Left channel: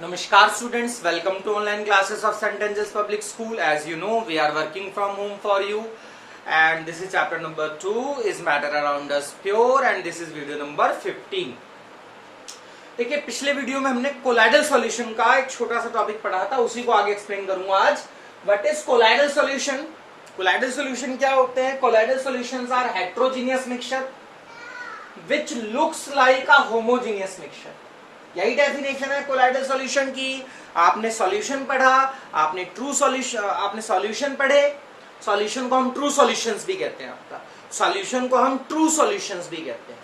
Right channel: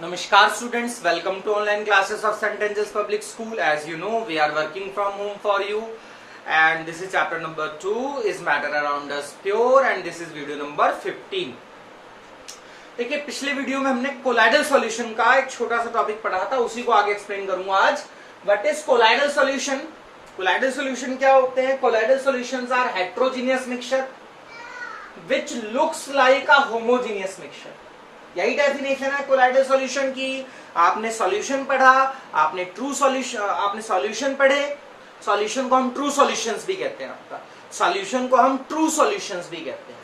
Namaskar students, welcome to online classes of St. Angel's Public School. As you know, we are working from home for you and this is chapter number 2 is matter around us pure and this is video number 15. देखिए पिछले video में हमने colloidal solution का एक छोटा सा topic पढ़ा था, उसी को आगे एक्सप्लेन करूंगा आज. What is colloidal solution? Colloidal solution क्या होते हैं? Colloidal solutions are heterogeneous mixture which looks like a homogeneous mixture. यही डेफिनेशन है कोलाइडल सॉल्यूशन की. आपने सॉल्यूशन पढ़ा, आपने सॉल्यूशन पढ़े. सॉल्यूशन को हम ट्रू सॉल्यूशंस भी कहते हैं. आपका सॉल्यूशन को हम ट्रू सॉल्यूशंस भी कहते हैं.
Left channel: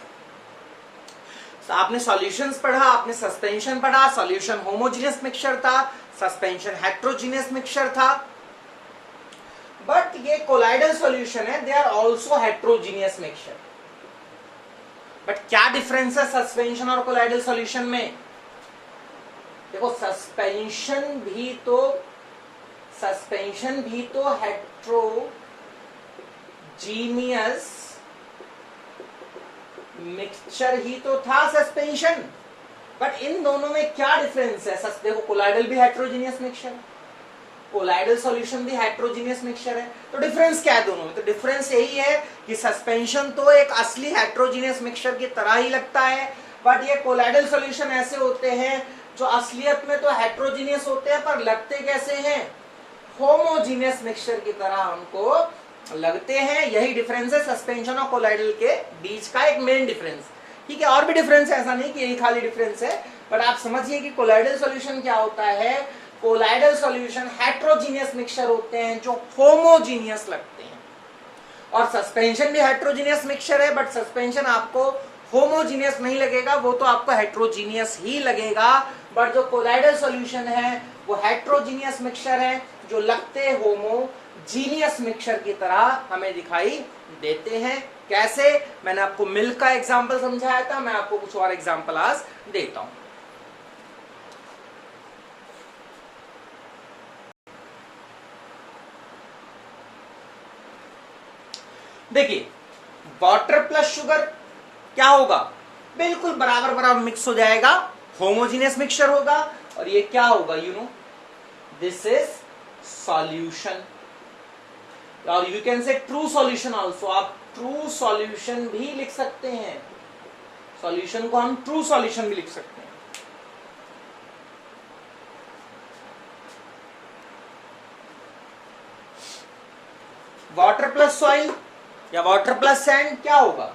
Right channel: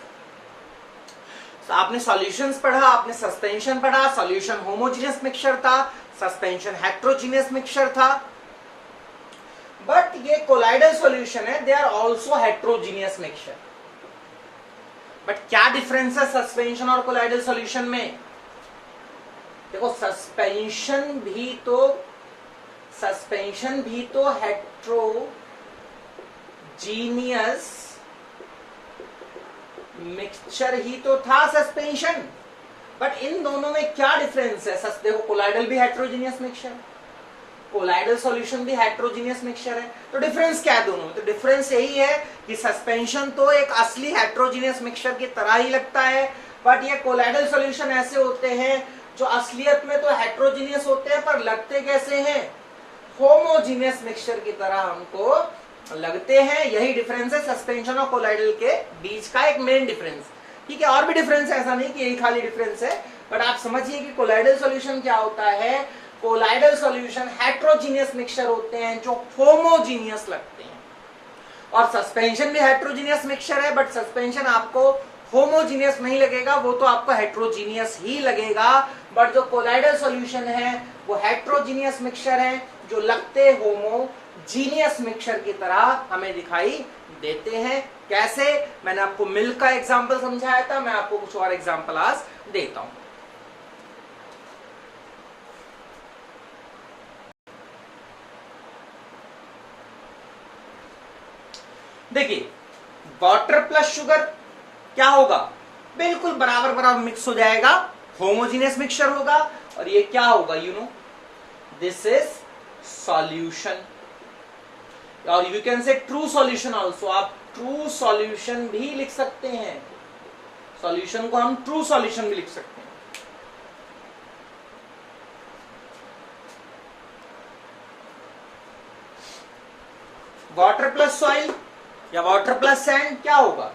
आपने सॉल्यूशंस पढ़ा, आपने सस्पेंशन पढ़ा. सॉल्यूशन होमोजीनियस मिक्सचर था, सस्पेंशन हेट्रोजीनियस मिक्सचर था. बट ये कोलाइडल सॉल्यूशन है, they are also heterogeneous mixture. But क्या डिफरेंस है सस्पेंशन और कोलाइडल सॉल्यूशन में? देखो सस्पेंशन भी तो हेट्रोजीनियस मिक्सचर ही तो था सस्पेंशन. बट इन दोनों में क्या डिफरेंस है? देखो कोलाइडल भी हेट्रोजीनियस मिक्सचर, कोलाइडल सॉल्यूशन भी हेट्रोजीनियस मिक्सचर है. तो डिफरेंस क्या है दोनों में? तो डिफरेंस यही है कि सस्पेंशन तो एक असली हेट्रोजीनियस मिक्सचर की तरह ही लगता है, बट ये कोलाइडल सॉल्यूशन ऐसे होते हैं जो असलियत में तो हेट्रोजीनियस होते हैं पर लगते कैसे हैं? होमोजीनियस मिक्सचर की तरह हमको लगते हैं. यही डिफरेंस है सस्पेंशन और कोलाइडल के बीच का एक मेन डिफरेंस. ठीक है, और भी डिफरेंस है, ऐसा नहीं कि यही खाली डिफरेंस है. बट आप समझिए कि कोलाइडल सॉल्यूशन क्या होता है. कोलाइडल सॉल्यूशन हेट्रोजीनियस मिक्सचर होते हैं जो होमोजीनियस लगते हैं, और सस्पेंशन भी हेट्रोजीनियस मिक्सचर है, बट सस्पेंशन आपको होमोजीनियस नहीं लगेगा, वो तो आपको हेट्रोजीनियस ही लगेगा. बट जो कोलाइडल सॉल्यूशन है वो हेट्रोजीनियस मिक्सचर है जो लगते होमोजीनियस मिक्सचर की तरह हमें दिखाई देते हैं. कैसे? मैंने आपको मिल्क का एग्जांपल समझाया था, मैं आपको कुछ और एग्जांपल आज देता हूं. देखिए वाटर प्लस शुगर क्या होगा? बिल्कुल बराबर बराबर मिक्स हो जाएगा, होमोजीनियस मिक्सचर होगा. और ये क्या होगा? You know this is solution, और you can say true solution also. आप ट्रू सॉल्यूशन भी लिख सकते हैं, सॉल्यूशन को हम ट्रू सॉल्यूशन भी लिख सकते हैं. वाटर प्लस सॉइल या वाटर प्लस सैंड क्या होगा?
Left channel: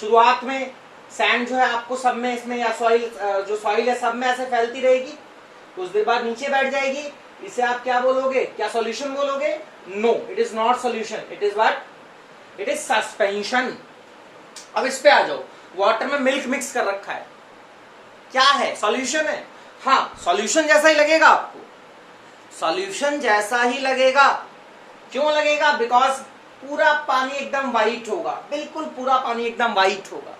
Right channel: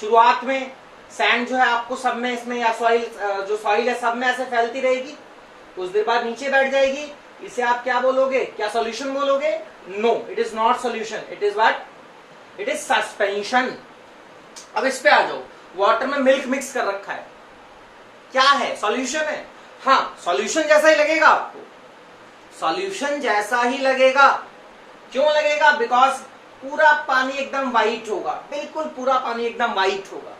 शुरुआत में सैंड जो है आपको सब में इसमें, या सॉइल जो सॉइल है सब में ऐसे फैलती रहेगी, कुछ देर बाद नीचे बैठ जाएगी. इसे आप क्या बोलोगे? क्या सॉल्यूशन बोलोगे? No, it is not solution, it is what? It is suspension. अब इस पे आ जाओ. वाटर में मिल्क मिक्स कर रखा है, क्या है? सॉल्यूशन है. हाँ, सॉल्यूशन जैसा ही लगेगा आपको, सॉल्यूशन जैसा ही लगेगा. क्यों लगेगा? बिकॉज पूरा पानी एकदम व्हाइट होगा, बिल्कुल पूरा पानी एकदम व्हाइट होगा,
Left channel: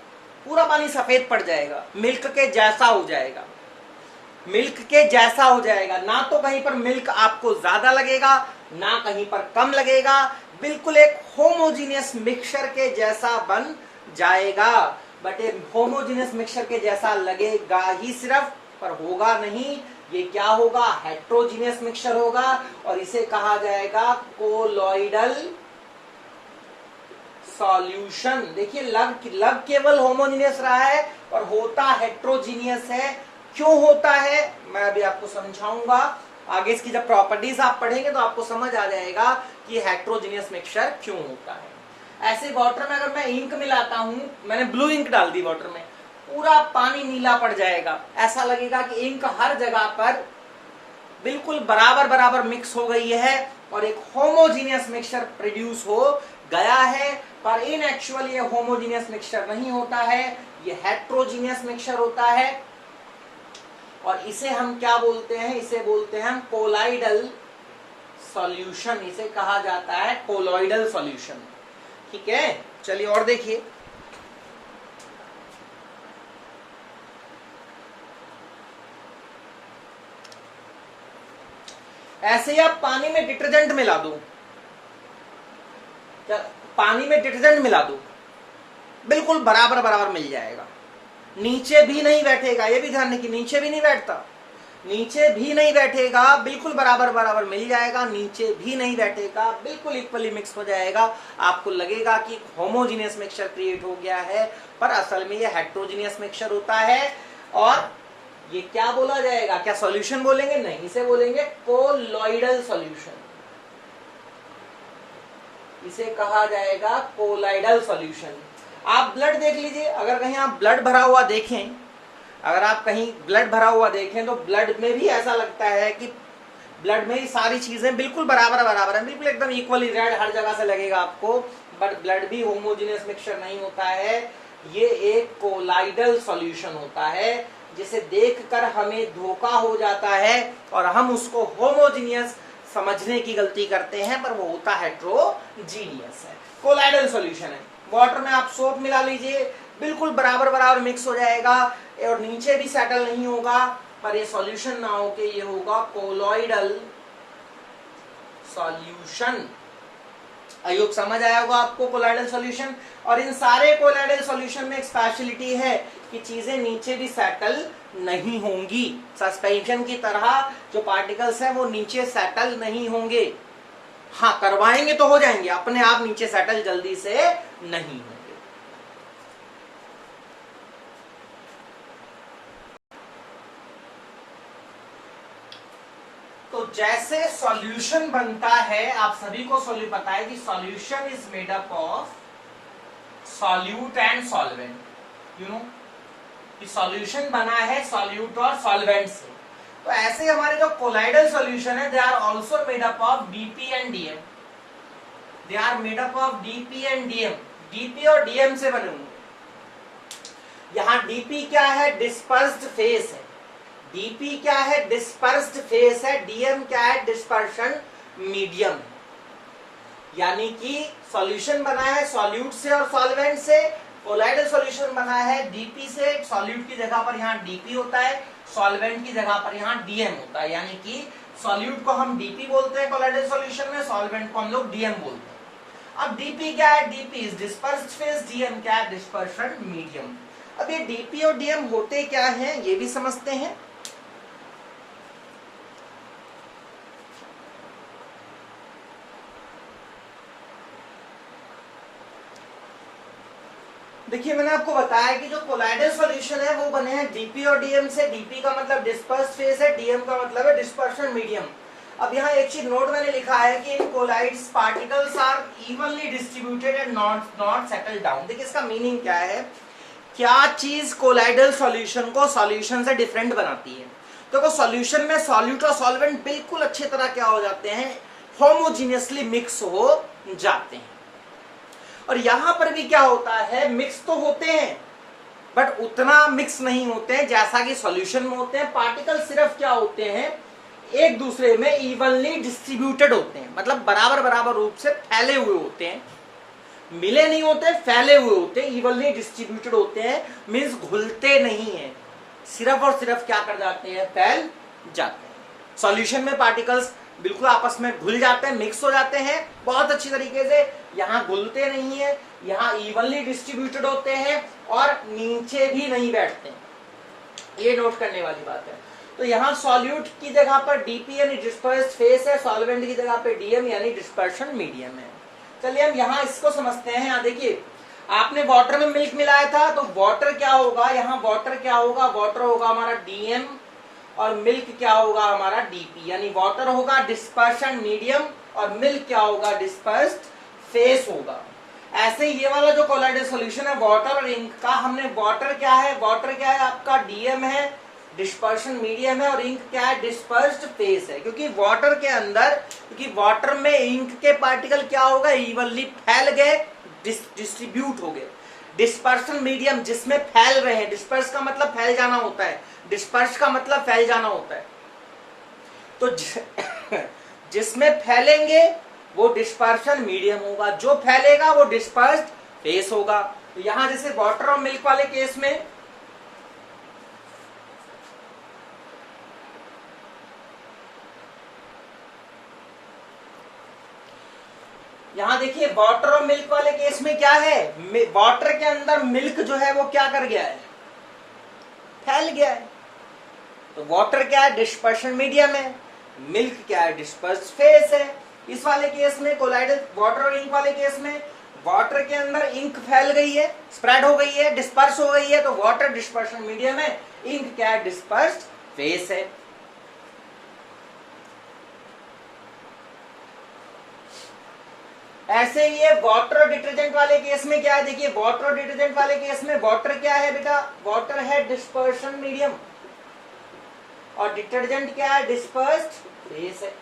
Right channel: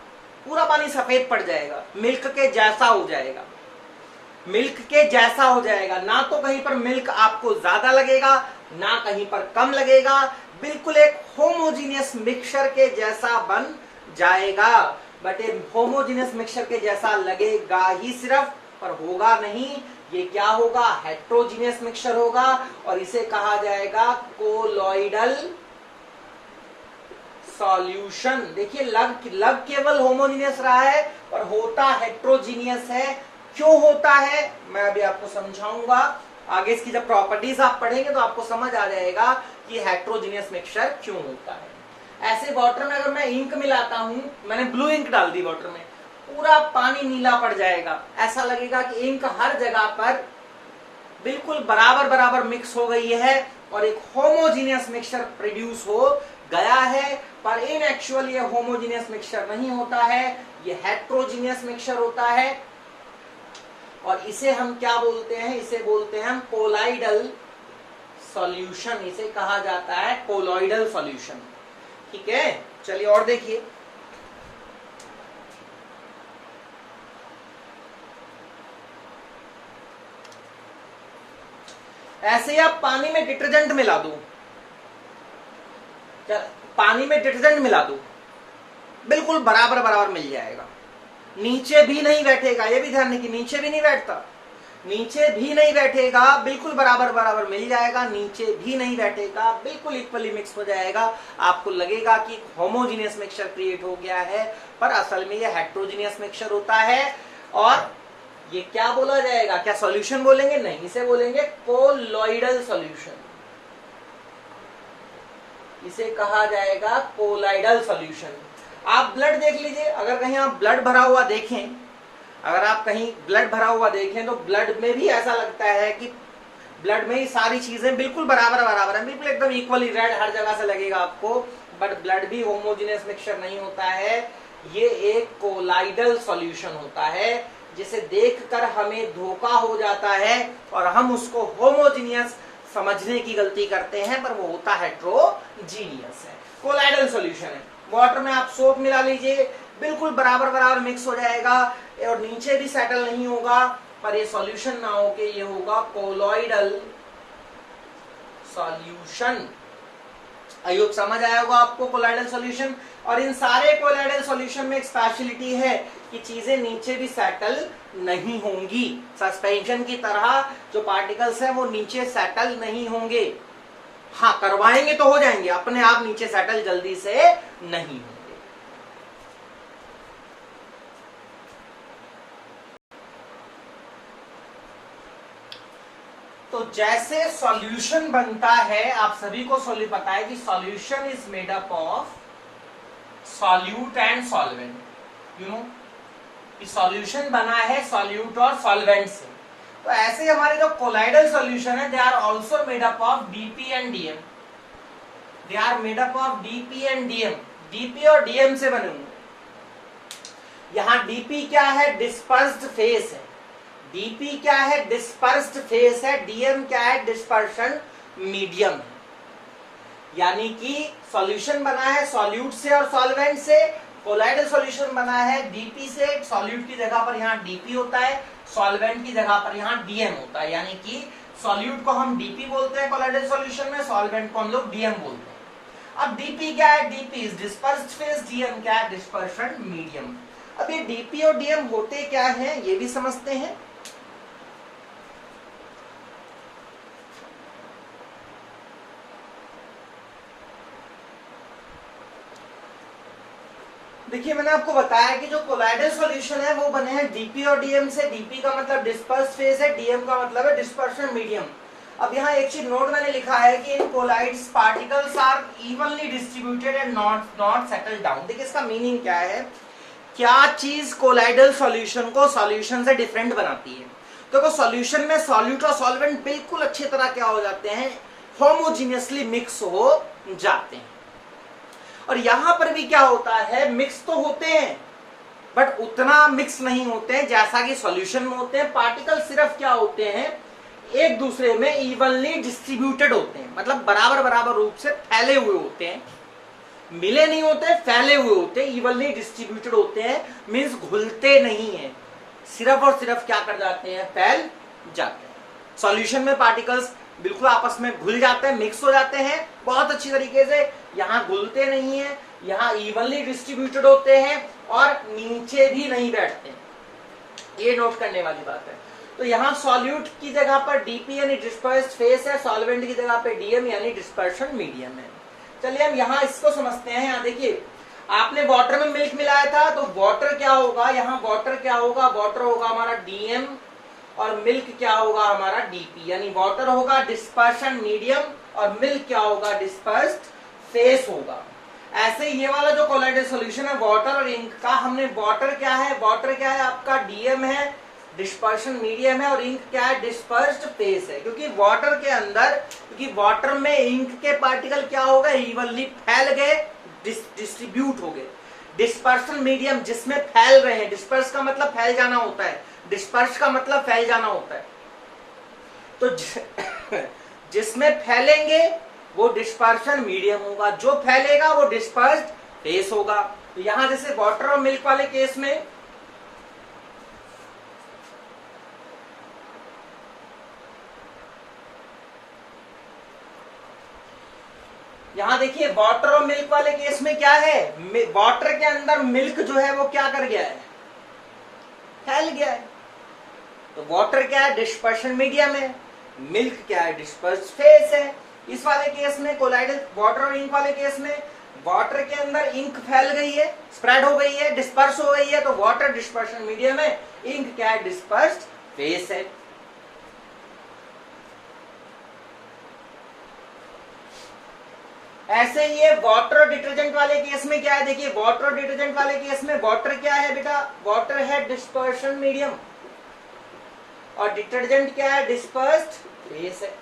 पूरा पानी सफेद पड़ जाएगा, मिल्क के जैसा हो जाएगा, मिल्क के जैसा हो जाएगा. ना तो कहीं पर मिल्क आपको ज्यादा लगेगा, ना कहीं पर कम लगेगा, बिल्कुल एक होमोजीनियस मिक्सचर के जैसा बन जाएगा. बट ये होमोजीनियस मिक्सचर के जैसा लगेगा ही सिर्फ, पर होगा नहीं. ये क्या होगा? हेट्रोजीनियस मिक्सचर होगा, और इसे कहा जाएगा कोलॉइडल सॉल्यूशन. देखिए लग केवल होमोजीनियस रहा है और होता हेट्रोजीनियस है. क्यों होता है मैं अभी आपको समझाऊंगा. आगे इसकी जब प्रॉपर्टीज आप पढ़ेंगे तो आपको समझ आ जाएगा कि हेट्रोजीनियस मिक्सचर क्यों होता है. ऐसे वाटर में अगर मैं इंक मिलाता हूं, मैंने ब्लू इंक डाल दी वाटर में, पूरा पानी नीला पड़ जाएगा. ऐसा लगेगा कि इंक हर जगह पर बिल्कुल बराबर बराबर मिक्स हो गई है और एक होमोजीनियस मिक्सचर प्रोड्यूस हो गया है. पर इन एक्चुअल ये होमोजीनियस मिक्सचर नहीं होता है, ये हेट्रोजीनियस मिक्सचर होता है. और इसे हम क्या बोलते हैं? इसे बोलते हैं हम कोलाइडल सॉल्यूशन. इसे कहा जाता है कोलॉइडल सॉल्यूशन. ठीक है, चलिए और देखिए. ऐसे ही आप पानी में डिटर्जेंट मिला दो, पानी में डिटर्जेंट मिला दो, बिल्कुल बराबर बराबर मिल जाएगा. नीचे भी नहीं बैठेगा, ये भी ध्यान रखिए, नीचे भी नहीं बैठता. नीचे भी नहीं बैठेगा, बिल्कुल बराबर बराबर मिल जाएगा, नीचे भी नहीं बैठेगा, बिल्कुल इक्वली मिक्स हो जाएगा। आपको लगेगा कि होमोजीनियस मिक्सचर क्रिएट हो गया है, पर असल में ये हेट्रोजीनियस मिक्सचर होता है। और ये क्या बोला जाएगा, क्या सॉल्यूशन बोलेंगे? नहीं, इसे बोलेंगे कोलॉइडल सॉल्यूशन। इसे कहा जाएगा कोलॉइडल सॉल्यूशन। आप ब्लड देख लीजिए, अगर कहीं आप ब्लड भरा हुआ देखें, अगर आप कहीं ब्लड भरा हुआ देखें तो ब्लड में भी ऐसा लगता है कि ब्लड में ही सारी चीजें बिल्कुल बराबर बराबर है, बिल्कुल एकदम इक्वली रेड हर जगह से लगेगा आपको, बट ब्लड भी होमोजेनियस मिक्सचर नहीं होता है। ये एक कोलॉइडल सॉल्यूशन होता है, जिसे देखकर हमें धोखा हो जाता है और हम उसको होमोजीनियस समझने की गलती करते हैं, पर वो होता हेट्रोजीनियस है। कोलॉइडल सॉल्यूशन है। वाटर में आप सोप मिला लीजिए, बिल्कुल बराबर बराबर मिक्स हो जाएगा और नीचे भी सेटल नहीं होगा, पर ये सॉल्यूशन ना हो के ये होगा कोलॉइडल सॉल्यूशन। आई होप समझ आया होगा आपको कोलॉइडल सॉल्यूशन। और इन सारे कोलॉइडल सॉल्यूशन में एक स्पेशलिटी है कि चीजें नीचे भी सेटल नहीं होंगी। सस्पेंशन की तरह जो पार्टिकल्स हैं वो नीचे सेटल नहीं होंगे। हाँ, करवाएंगे तो हो जाएंगे, अपने आप नीचे सेटल जल्दी से नहीं होंगे। तो जैसे सॉल्यूशन बनता है, आप सभी को पता है कि solution is made up of solute and solvent. You know कि सॉल्यूशन बना है सॉल्यूट और सॉल्वेंट से। तो ऐसे हमारे जो कोलॉइडल सॉल्यूशन है, they are also made up of DP and DM. They are made up of DP and DM. DP और डीएम से बने होंगे। यहां डीपी क्या है? डिस्पर्स्ड फेस है। डीपी क्या है? डिस्पर्स्ड फेस है। डीएम क्या है? डिस्पर्शन मीडियम है। यानी कि सॉल्यूशन बना है सॉल्यूट से और सॉल्वेंट से। कोलॉइडल सॉल्यूशन बना है डीपी से। सॉल्यूट की जगह पर यहाँ डीपी होता है, सॉल्वेंट की जगह पर यहाँ डीएम होता है। यानी कि सॉल्यूट को हम डीपी बोलते हैं कोलॉइडल सॉल्यूशन में, सॉल्वेंट को हम लोग डीएम बोलते हैं। अब डीपी क्या है? DP is dispersed phase, DM क्या है? Dispersion medium. अब ये डीपी और डीएम होते क्या है, ये भी समझते हैं। देखिए, मैंने आपको बताया कि जो कोलॉइडल सॉल्यूशन है वो बने हैं डीपी और डीएम से। डीपी का मतलब डिस्पर्स्ड फेस है, डीएम का मतलब है डिस्पर्शन मीडियम। अब यहाँ एक चीज नोट मैंने लिखा है कि in colloids particles are evenly distributed and not settle down. देखिए इसका मीनिंग क्या है, क्या चीज कोलाइडल सॉल्यूशन को सॉल्यूशन से डिफरेंट बनाती है। तो सॉल्यूशन में सॉल्यूट और सॉल्वेंट बिल्कुल अच्छी तरह क्या हो जाते हैं, होमोजीनियसली मिक्स हो जाते हैं। और यहां पर भी क्या होता है, मिक्स तो होते हैं बट उतना मिक्स नहीं होते हैं जैसा कि सॉल्यूशन में होते हैं। पार्टिकल सिर्फ क्या होते हैं, एक दूसरे में इवनली डिस्ट्रीब्यूटेड होते हैं, मतलब बराबर बराबर रूप से फैले हुए होते हैं, मिले नहीं होते, फैले हुए होते हैं, इवनली डिस्ट्रीब्यूटेड होते हैं। मींस घुलते नहीं है, सिर्फ और सिर्फ क्या कर जाते हैं, फैल जाते हैं। सॉल्यूशन में पार्टिकल्स बिल्कुल आपस में घुल जाते हैं, मिक्स हो जाते हैं बहुत अच्छी तरीके से। यहाँ घुलते नहीं है, यहाँ इवनली डिस्ट्रीब्यूटेड होते हैं और नीचे भी नहीं बैठते, ये नोट करने वाली बात है। तो यहाँ सॉल्यूट की जगह पर डीपी यानी डिस्पर्स्ड फेस है, सॉल्वेंट की जगह पे डीएम यानी डिस्पर्शन मीडियम है। चलिए हम यहाँ इसको समझते हैं। यहाँ देखिए, आपने वाटर में मिल्क मिलाया था, तो वाटर क्या होगा, यहाँ वाटर क्या होगा, वाटर होगा हमारा डीएम और मिल्क क्या होगा हमारा डीपी। यानी वाटर होगा डिस्पर्शन मीडियम और मिल्क क्या होगा, डिस्पर्स्ड फेस होगा। ऐसे ये वाला जो कोलॉइडल सॉल्यूशन है वाटर और इंक का, हमने वाटर क्या है, वाटर क्या है आपका डीएम है, डिस्पर्शन मीडियम है, और इंक क्या है, डिस्पर्स्ड फेस है। क्योंकि वाटर के अंदर, क्योंकि वाटर में इंक के पार्टिकल क्या होगा, इवनली फैल गए, डिस्ट्रीब्यूट हो गए। डिस्पर्शन मीडियम जिसमें फैल रहे हैं, डिस्पर्स का मतलब फैल जाना होता है, डिस्पर्स का मतलब फैल जाना होता है। तो जिसमें फैलेंगे वो डिस्पर्शन मीडियम होगा, जो फैलेगा वो डिस्पर्स्ड फेस होगा। तो यहां जैसे वाटर और मिल्क वाले केस में यहां देखिए वाटर और मिल्क वाले केस में क्या है, वाटर के अंदर मिल्क जो है वो क्या कर गया है, फैल गया है। तो वाटर क्या है, डिस्पर्शन मीडियम है, मिल्क क्या है, डिस्पर्स फेस है। इस वाले केस में कोलाइडल, वाटर और इंक वाले केस में वाटर के अंदर इंक फैल गई है, स्प्रेड हो गई है, डिस्पर्स हो गई है, तो वाटर डिस्पर्शन मीडियम है, इंक क्या है, डिस्पर्स्ड फेस है। ऐसे ही है वाटर और डिटर्जेंट वाले केस में क्या है, देखिए वाटर और डिटर्जेंट वाले केस में वाटर क्या है बेटा, वाटर है डिस्पर्शन मीडियम और डिटर्जेंट क्या है, डिस्पर्स्ड फेस है।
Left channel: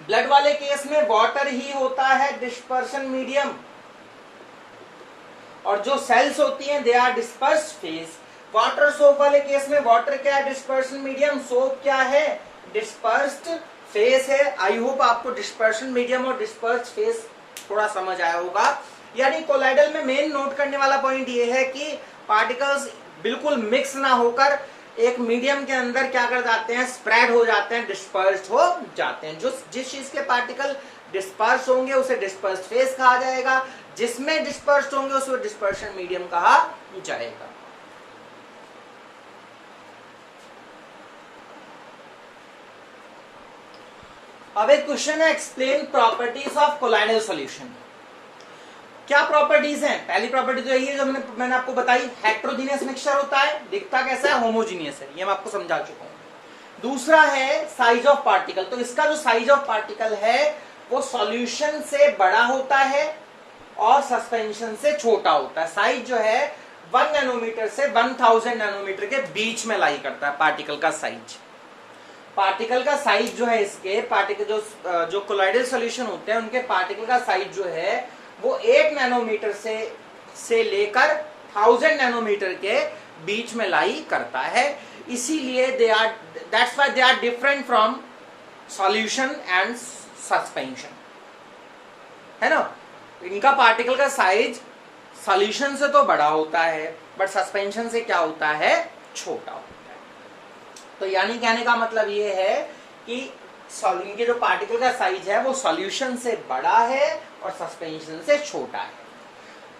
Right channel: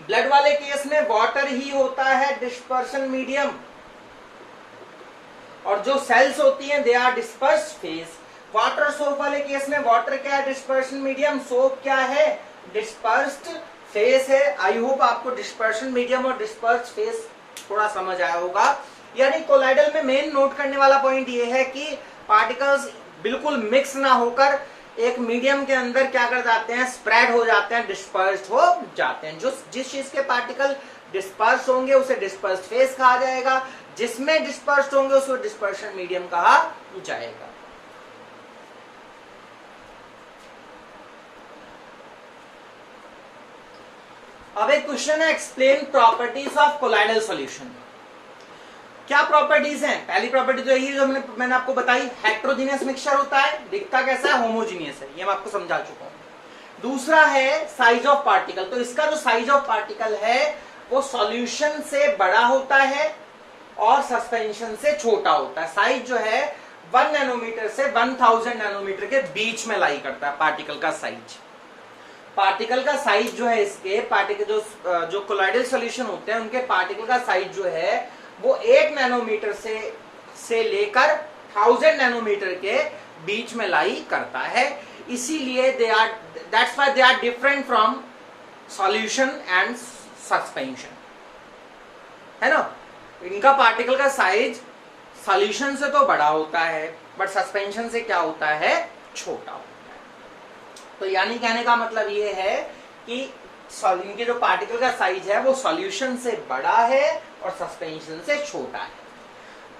ब्लड वाले केस में वाटर ही होता है डिस्पर्शन मीडियम और जो सेल्स होती हैं they are dispersed phase. Water soap वाले केस में वाटर क्या है, डिस्पर्शन मीडियम, सोप क्या है, डिस्पर्स्ड फेस है। आई होप आपको डिस्पर्शन मीडियम और डिस्पर्स्ड फेस थोड़ा समझ आया होगा। यानी कोलाइडल में मेन नोट करने वाला पॉइंट ये है कि पार्टिकल्स बिल्कुल मिक्स ना होकर एक मीडियम के अंदर क्या कर जाते हैं, स्प्रेड हो जाते हैं, डिस्पर्स्ड हो जाते हैं। जो जिस चीज के पार्टिकल डिस्पर्स होंगे उसे डिस्पर्स्ड फेस कहा जाएगा, जिसमें डिस्पर्स्ड होंगे उसे डिस्पर्शन मीडियम कहा जाएगा। अब एक क्वेश्चन है, explain properties of colloidal solution. क्या प्रॉपर्टीज हैं? पहली प्रॉपर्टी तो यही जो मैंने आपको बताई, हेट्रोजीनियस मिक्सचर होता है, दिखता कैसा है, होमोजीनियस है, ये मैं आपको समझा चुका हूं। दूसरा है साइज ऑफ पार्टिकल, तो इसका जो साइज ऑफ पार्टिकल है वो सॉल्यूशन से बड़ा होता है और सस्पेंशन से छोटा होता है। साइज जो है 1 नैनोमीटर से 1000 नैनोमीटर के बीच में लाई करता है पार्टिकल का साइज। पार्टिकल का साइज जो है इसके पार्टिकल जो कोलाइडल सॉल्यूशन होते हैं उनके पार्टिकल का साइज जो है वो 1 नैनोमीटर से लेकर 1000 नैनोमीटर के बीच में लाई करता है। इसीलिए that's why they are different from solution and suspension, है ना। इनका पार्टिकल का साइज सॉल्यूशन से तो बड़ा होता है बट सस्पेंशन से क्या होता है, छोटा होता है। तो यानी कहने का मतलब ये है कि इनके जो पार्टिकल का साइज है वो सॉल्यूशन से बड़ा है और सस्पेंशन से छोटा है।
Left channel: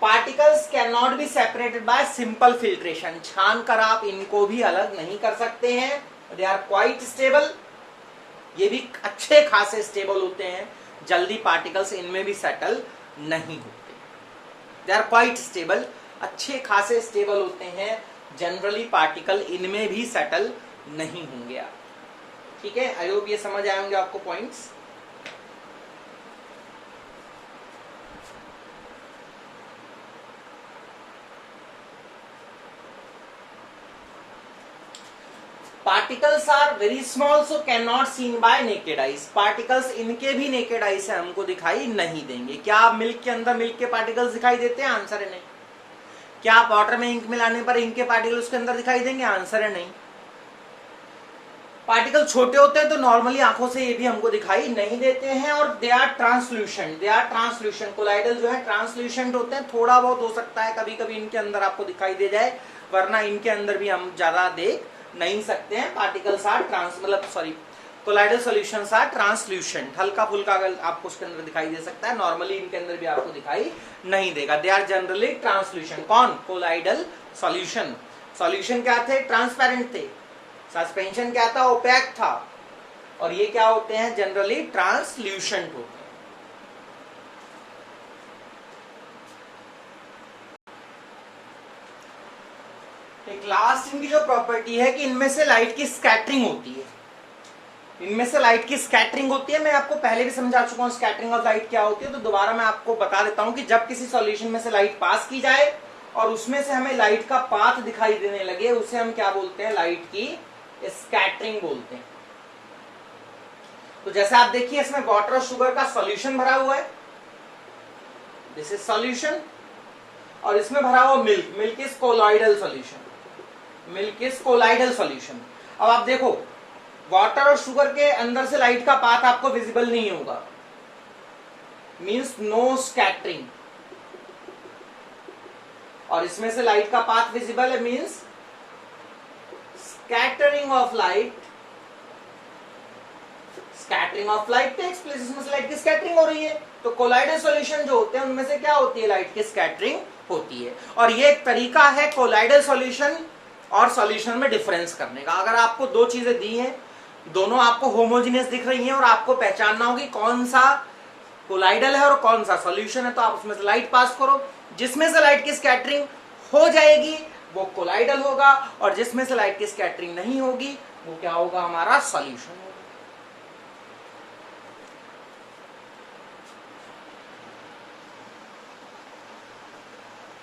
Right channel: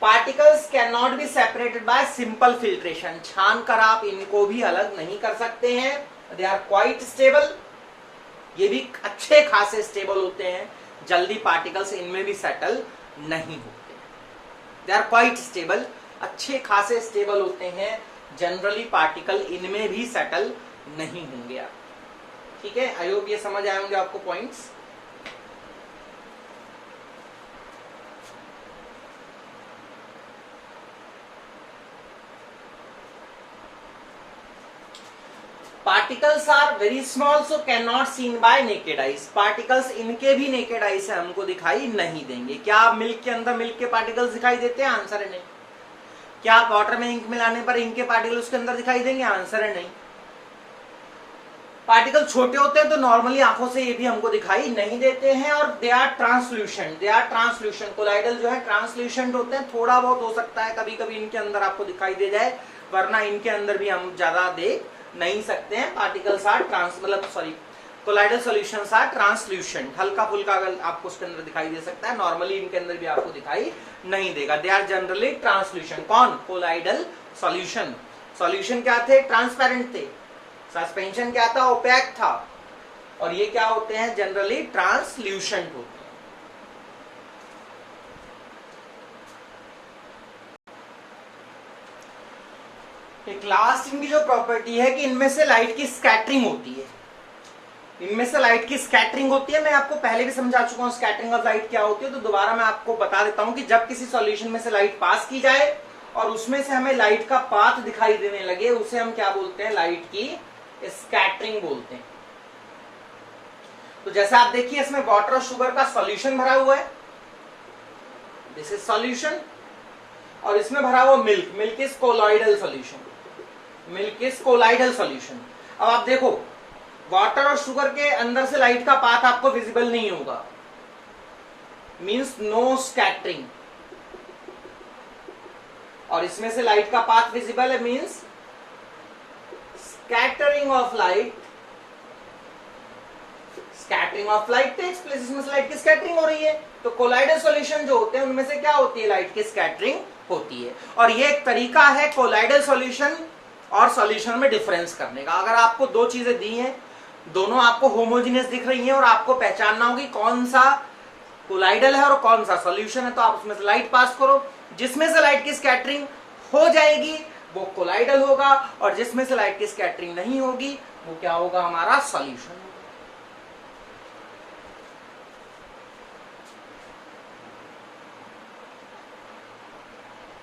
Particles can not be separated by simple filtration, छान कर आप इनको भी अलग नहीं कर सकते हैं। दे आर क्वाइट स्टेबल, ये भी अच्छे खासे स्टेबल होते हैं, जल्दी पार्टिकल्स इनमें भी सेटल नहीं होते। दे आर क्वाइट स्टेबल, अच्छे खासे स्टेबल होते हैं, जनरली पार्टिकल इनमें भी सेटल नहीं होंगे। ठीक है, आई होप ये समझ आए होंगे आपको points. Particles are very small so can not seen by naked eyes. Particles इनके भी नेकेड आई से हमको दिखाई नहीं देंगे। क्या आप मिल्क के अंदर मिल्क के पार्टिकल्स दिखाई देते हैं? आंसर है नहीं। क्या आप वाटर में इंक मिलाने पर इंक के पार्टिकल्स के अंदर दिखाई देंगे? आंसर है नहीं। पार्टिकल छोटे होते हैं तो नॉर्मली आंखों से ये भी हमको दिखाई नहीं देते हैं और they are translucent, they are translucent. Colloidal जो है ट्रांसल्यूशन होते हैं, थोड़ा बहुत हो सकता है कभी कभी इनके अंदर आपको दिखाई दे जाए, वरना इनके अंदर भी हम ज्यादा देख नहीं सकते हैं। Particles are colloidal solutions are translucent, हल्का फुल्का अगर आपको उसके अंदर दिखाई दे सकता है, नॉर्मली इनके अंदर भी आपको दिखाई नहीं देगा। They are generally translucent. कौन? Colloidal solution. सॉल्यूशन क्या थे? ट्रांसपेरेंट थे। सस्पेंशन क्या था? ओपैक था। और ये क्या होते हैं? जनरली ट्रांसल्यूशन होते हैं। एक लास्ट इनकी जो प्रॉपर्टी है कि इनमें से लाइट की स्कैटरिंग होती है। इनमें से लाइट की स्कैटरिंग होती है। मैं आपको पहले भी समझा चुका हूं स्कैटरिंग ऑफ लाइट क्या होती है, तो दोबारा मैं आपको बता देता हूं कि जब किसी सॉल्यूशन में से लाइट पास की जाए और उसमें से हमें लाइट का पाथ दिखाई देने लगे, उसे हम क्या बोलते हैं? लाइट की स्कैटरिंग बोलते हैं। तो जैसे आप देखिए इसमें वाटर और शुगर का सॉल्यूशन भरा हुआ है, दिस इज सॉल्यूशन, और इसमें भरा हुआ milk, milk is colloidal solution, milk is colloidal solution. अब आप देखो वाटर और शुगर के अंदर से लाइट का पाथ आपको विजिबल नहीं होगा, मींस नो स्कैटरिंग, और इसमें से लाइट का पाथ विजिबल है, means scattering of light. Scattering of light takes place, इसमें से लाइट की स्कैटरिंग हो रही है। तो कोलाइडल सॉल्यूशन जो होते हैं उनमें से क्या होती है? लाइट की स्कैटरिंग होती है। और ये एक तरीका है कोलाइडल सॉल्यूशन और सॉल्यूशन में डिफरेंस करने का। अगर आपको दो चीजें दी हैं, दोनों आपको होमोजीनियस दिख रही हैं और आपको पहचानना होगी कौन सा कोलाइडल है और कौन सा सॉल्यूशन है, तो आप उसमें से लाइट पास करो। जिसमें से लाइट की स्कैटरिंग हो जाएगी वो कोलाइडल होगा और जिसमें से लाइट की स्कैटरिंग नहीं होगी वो क्या होगा, हमारा सॉल्यूशन।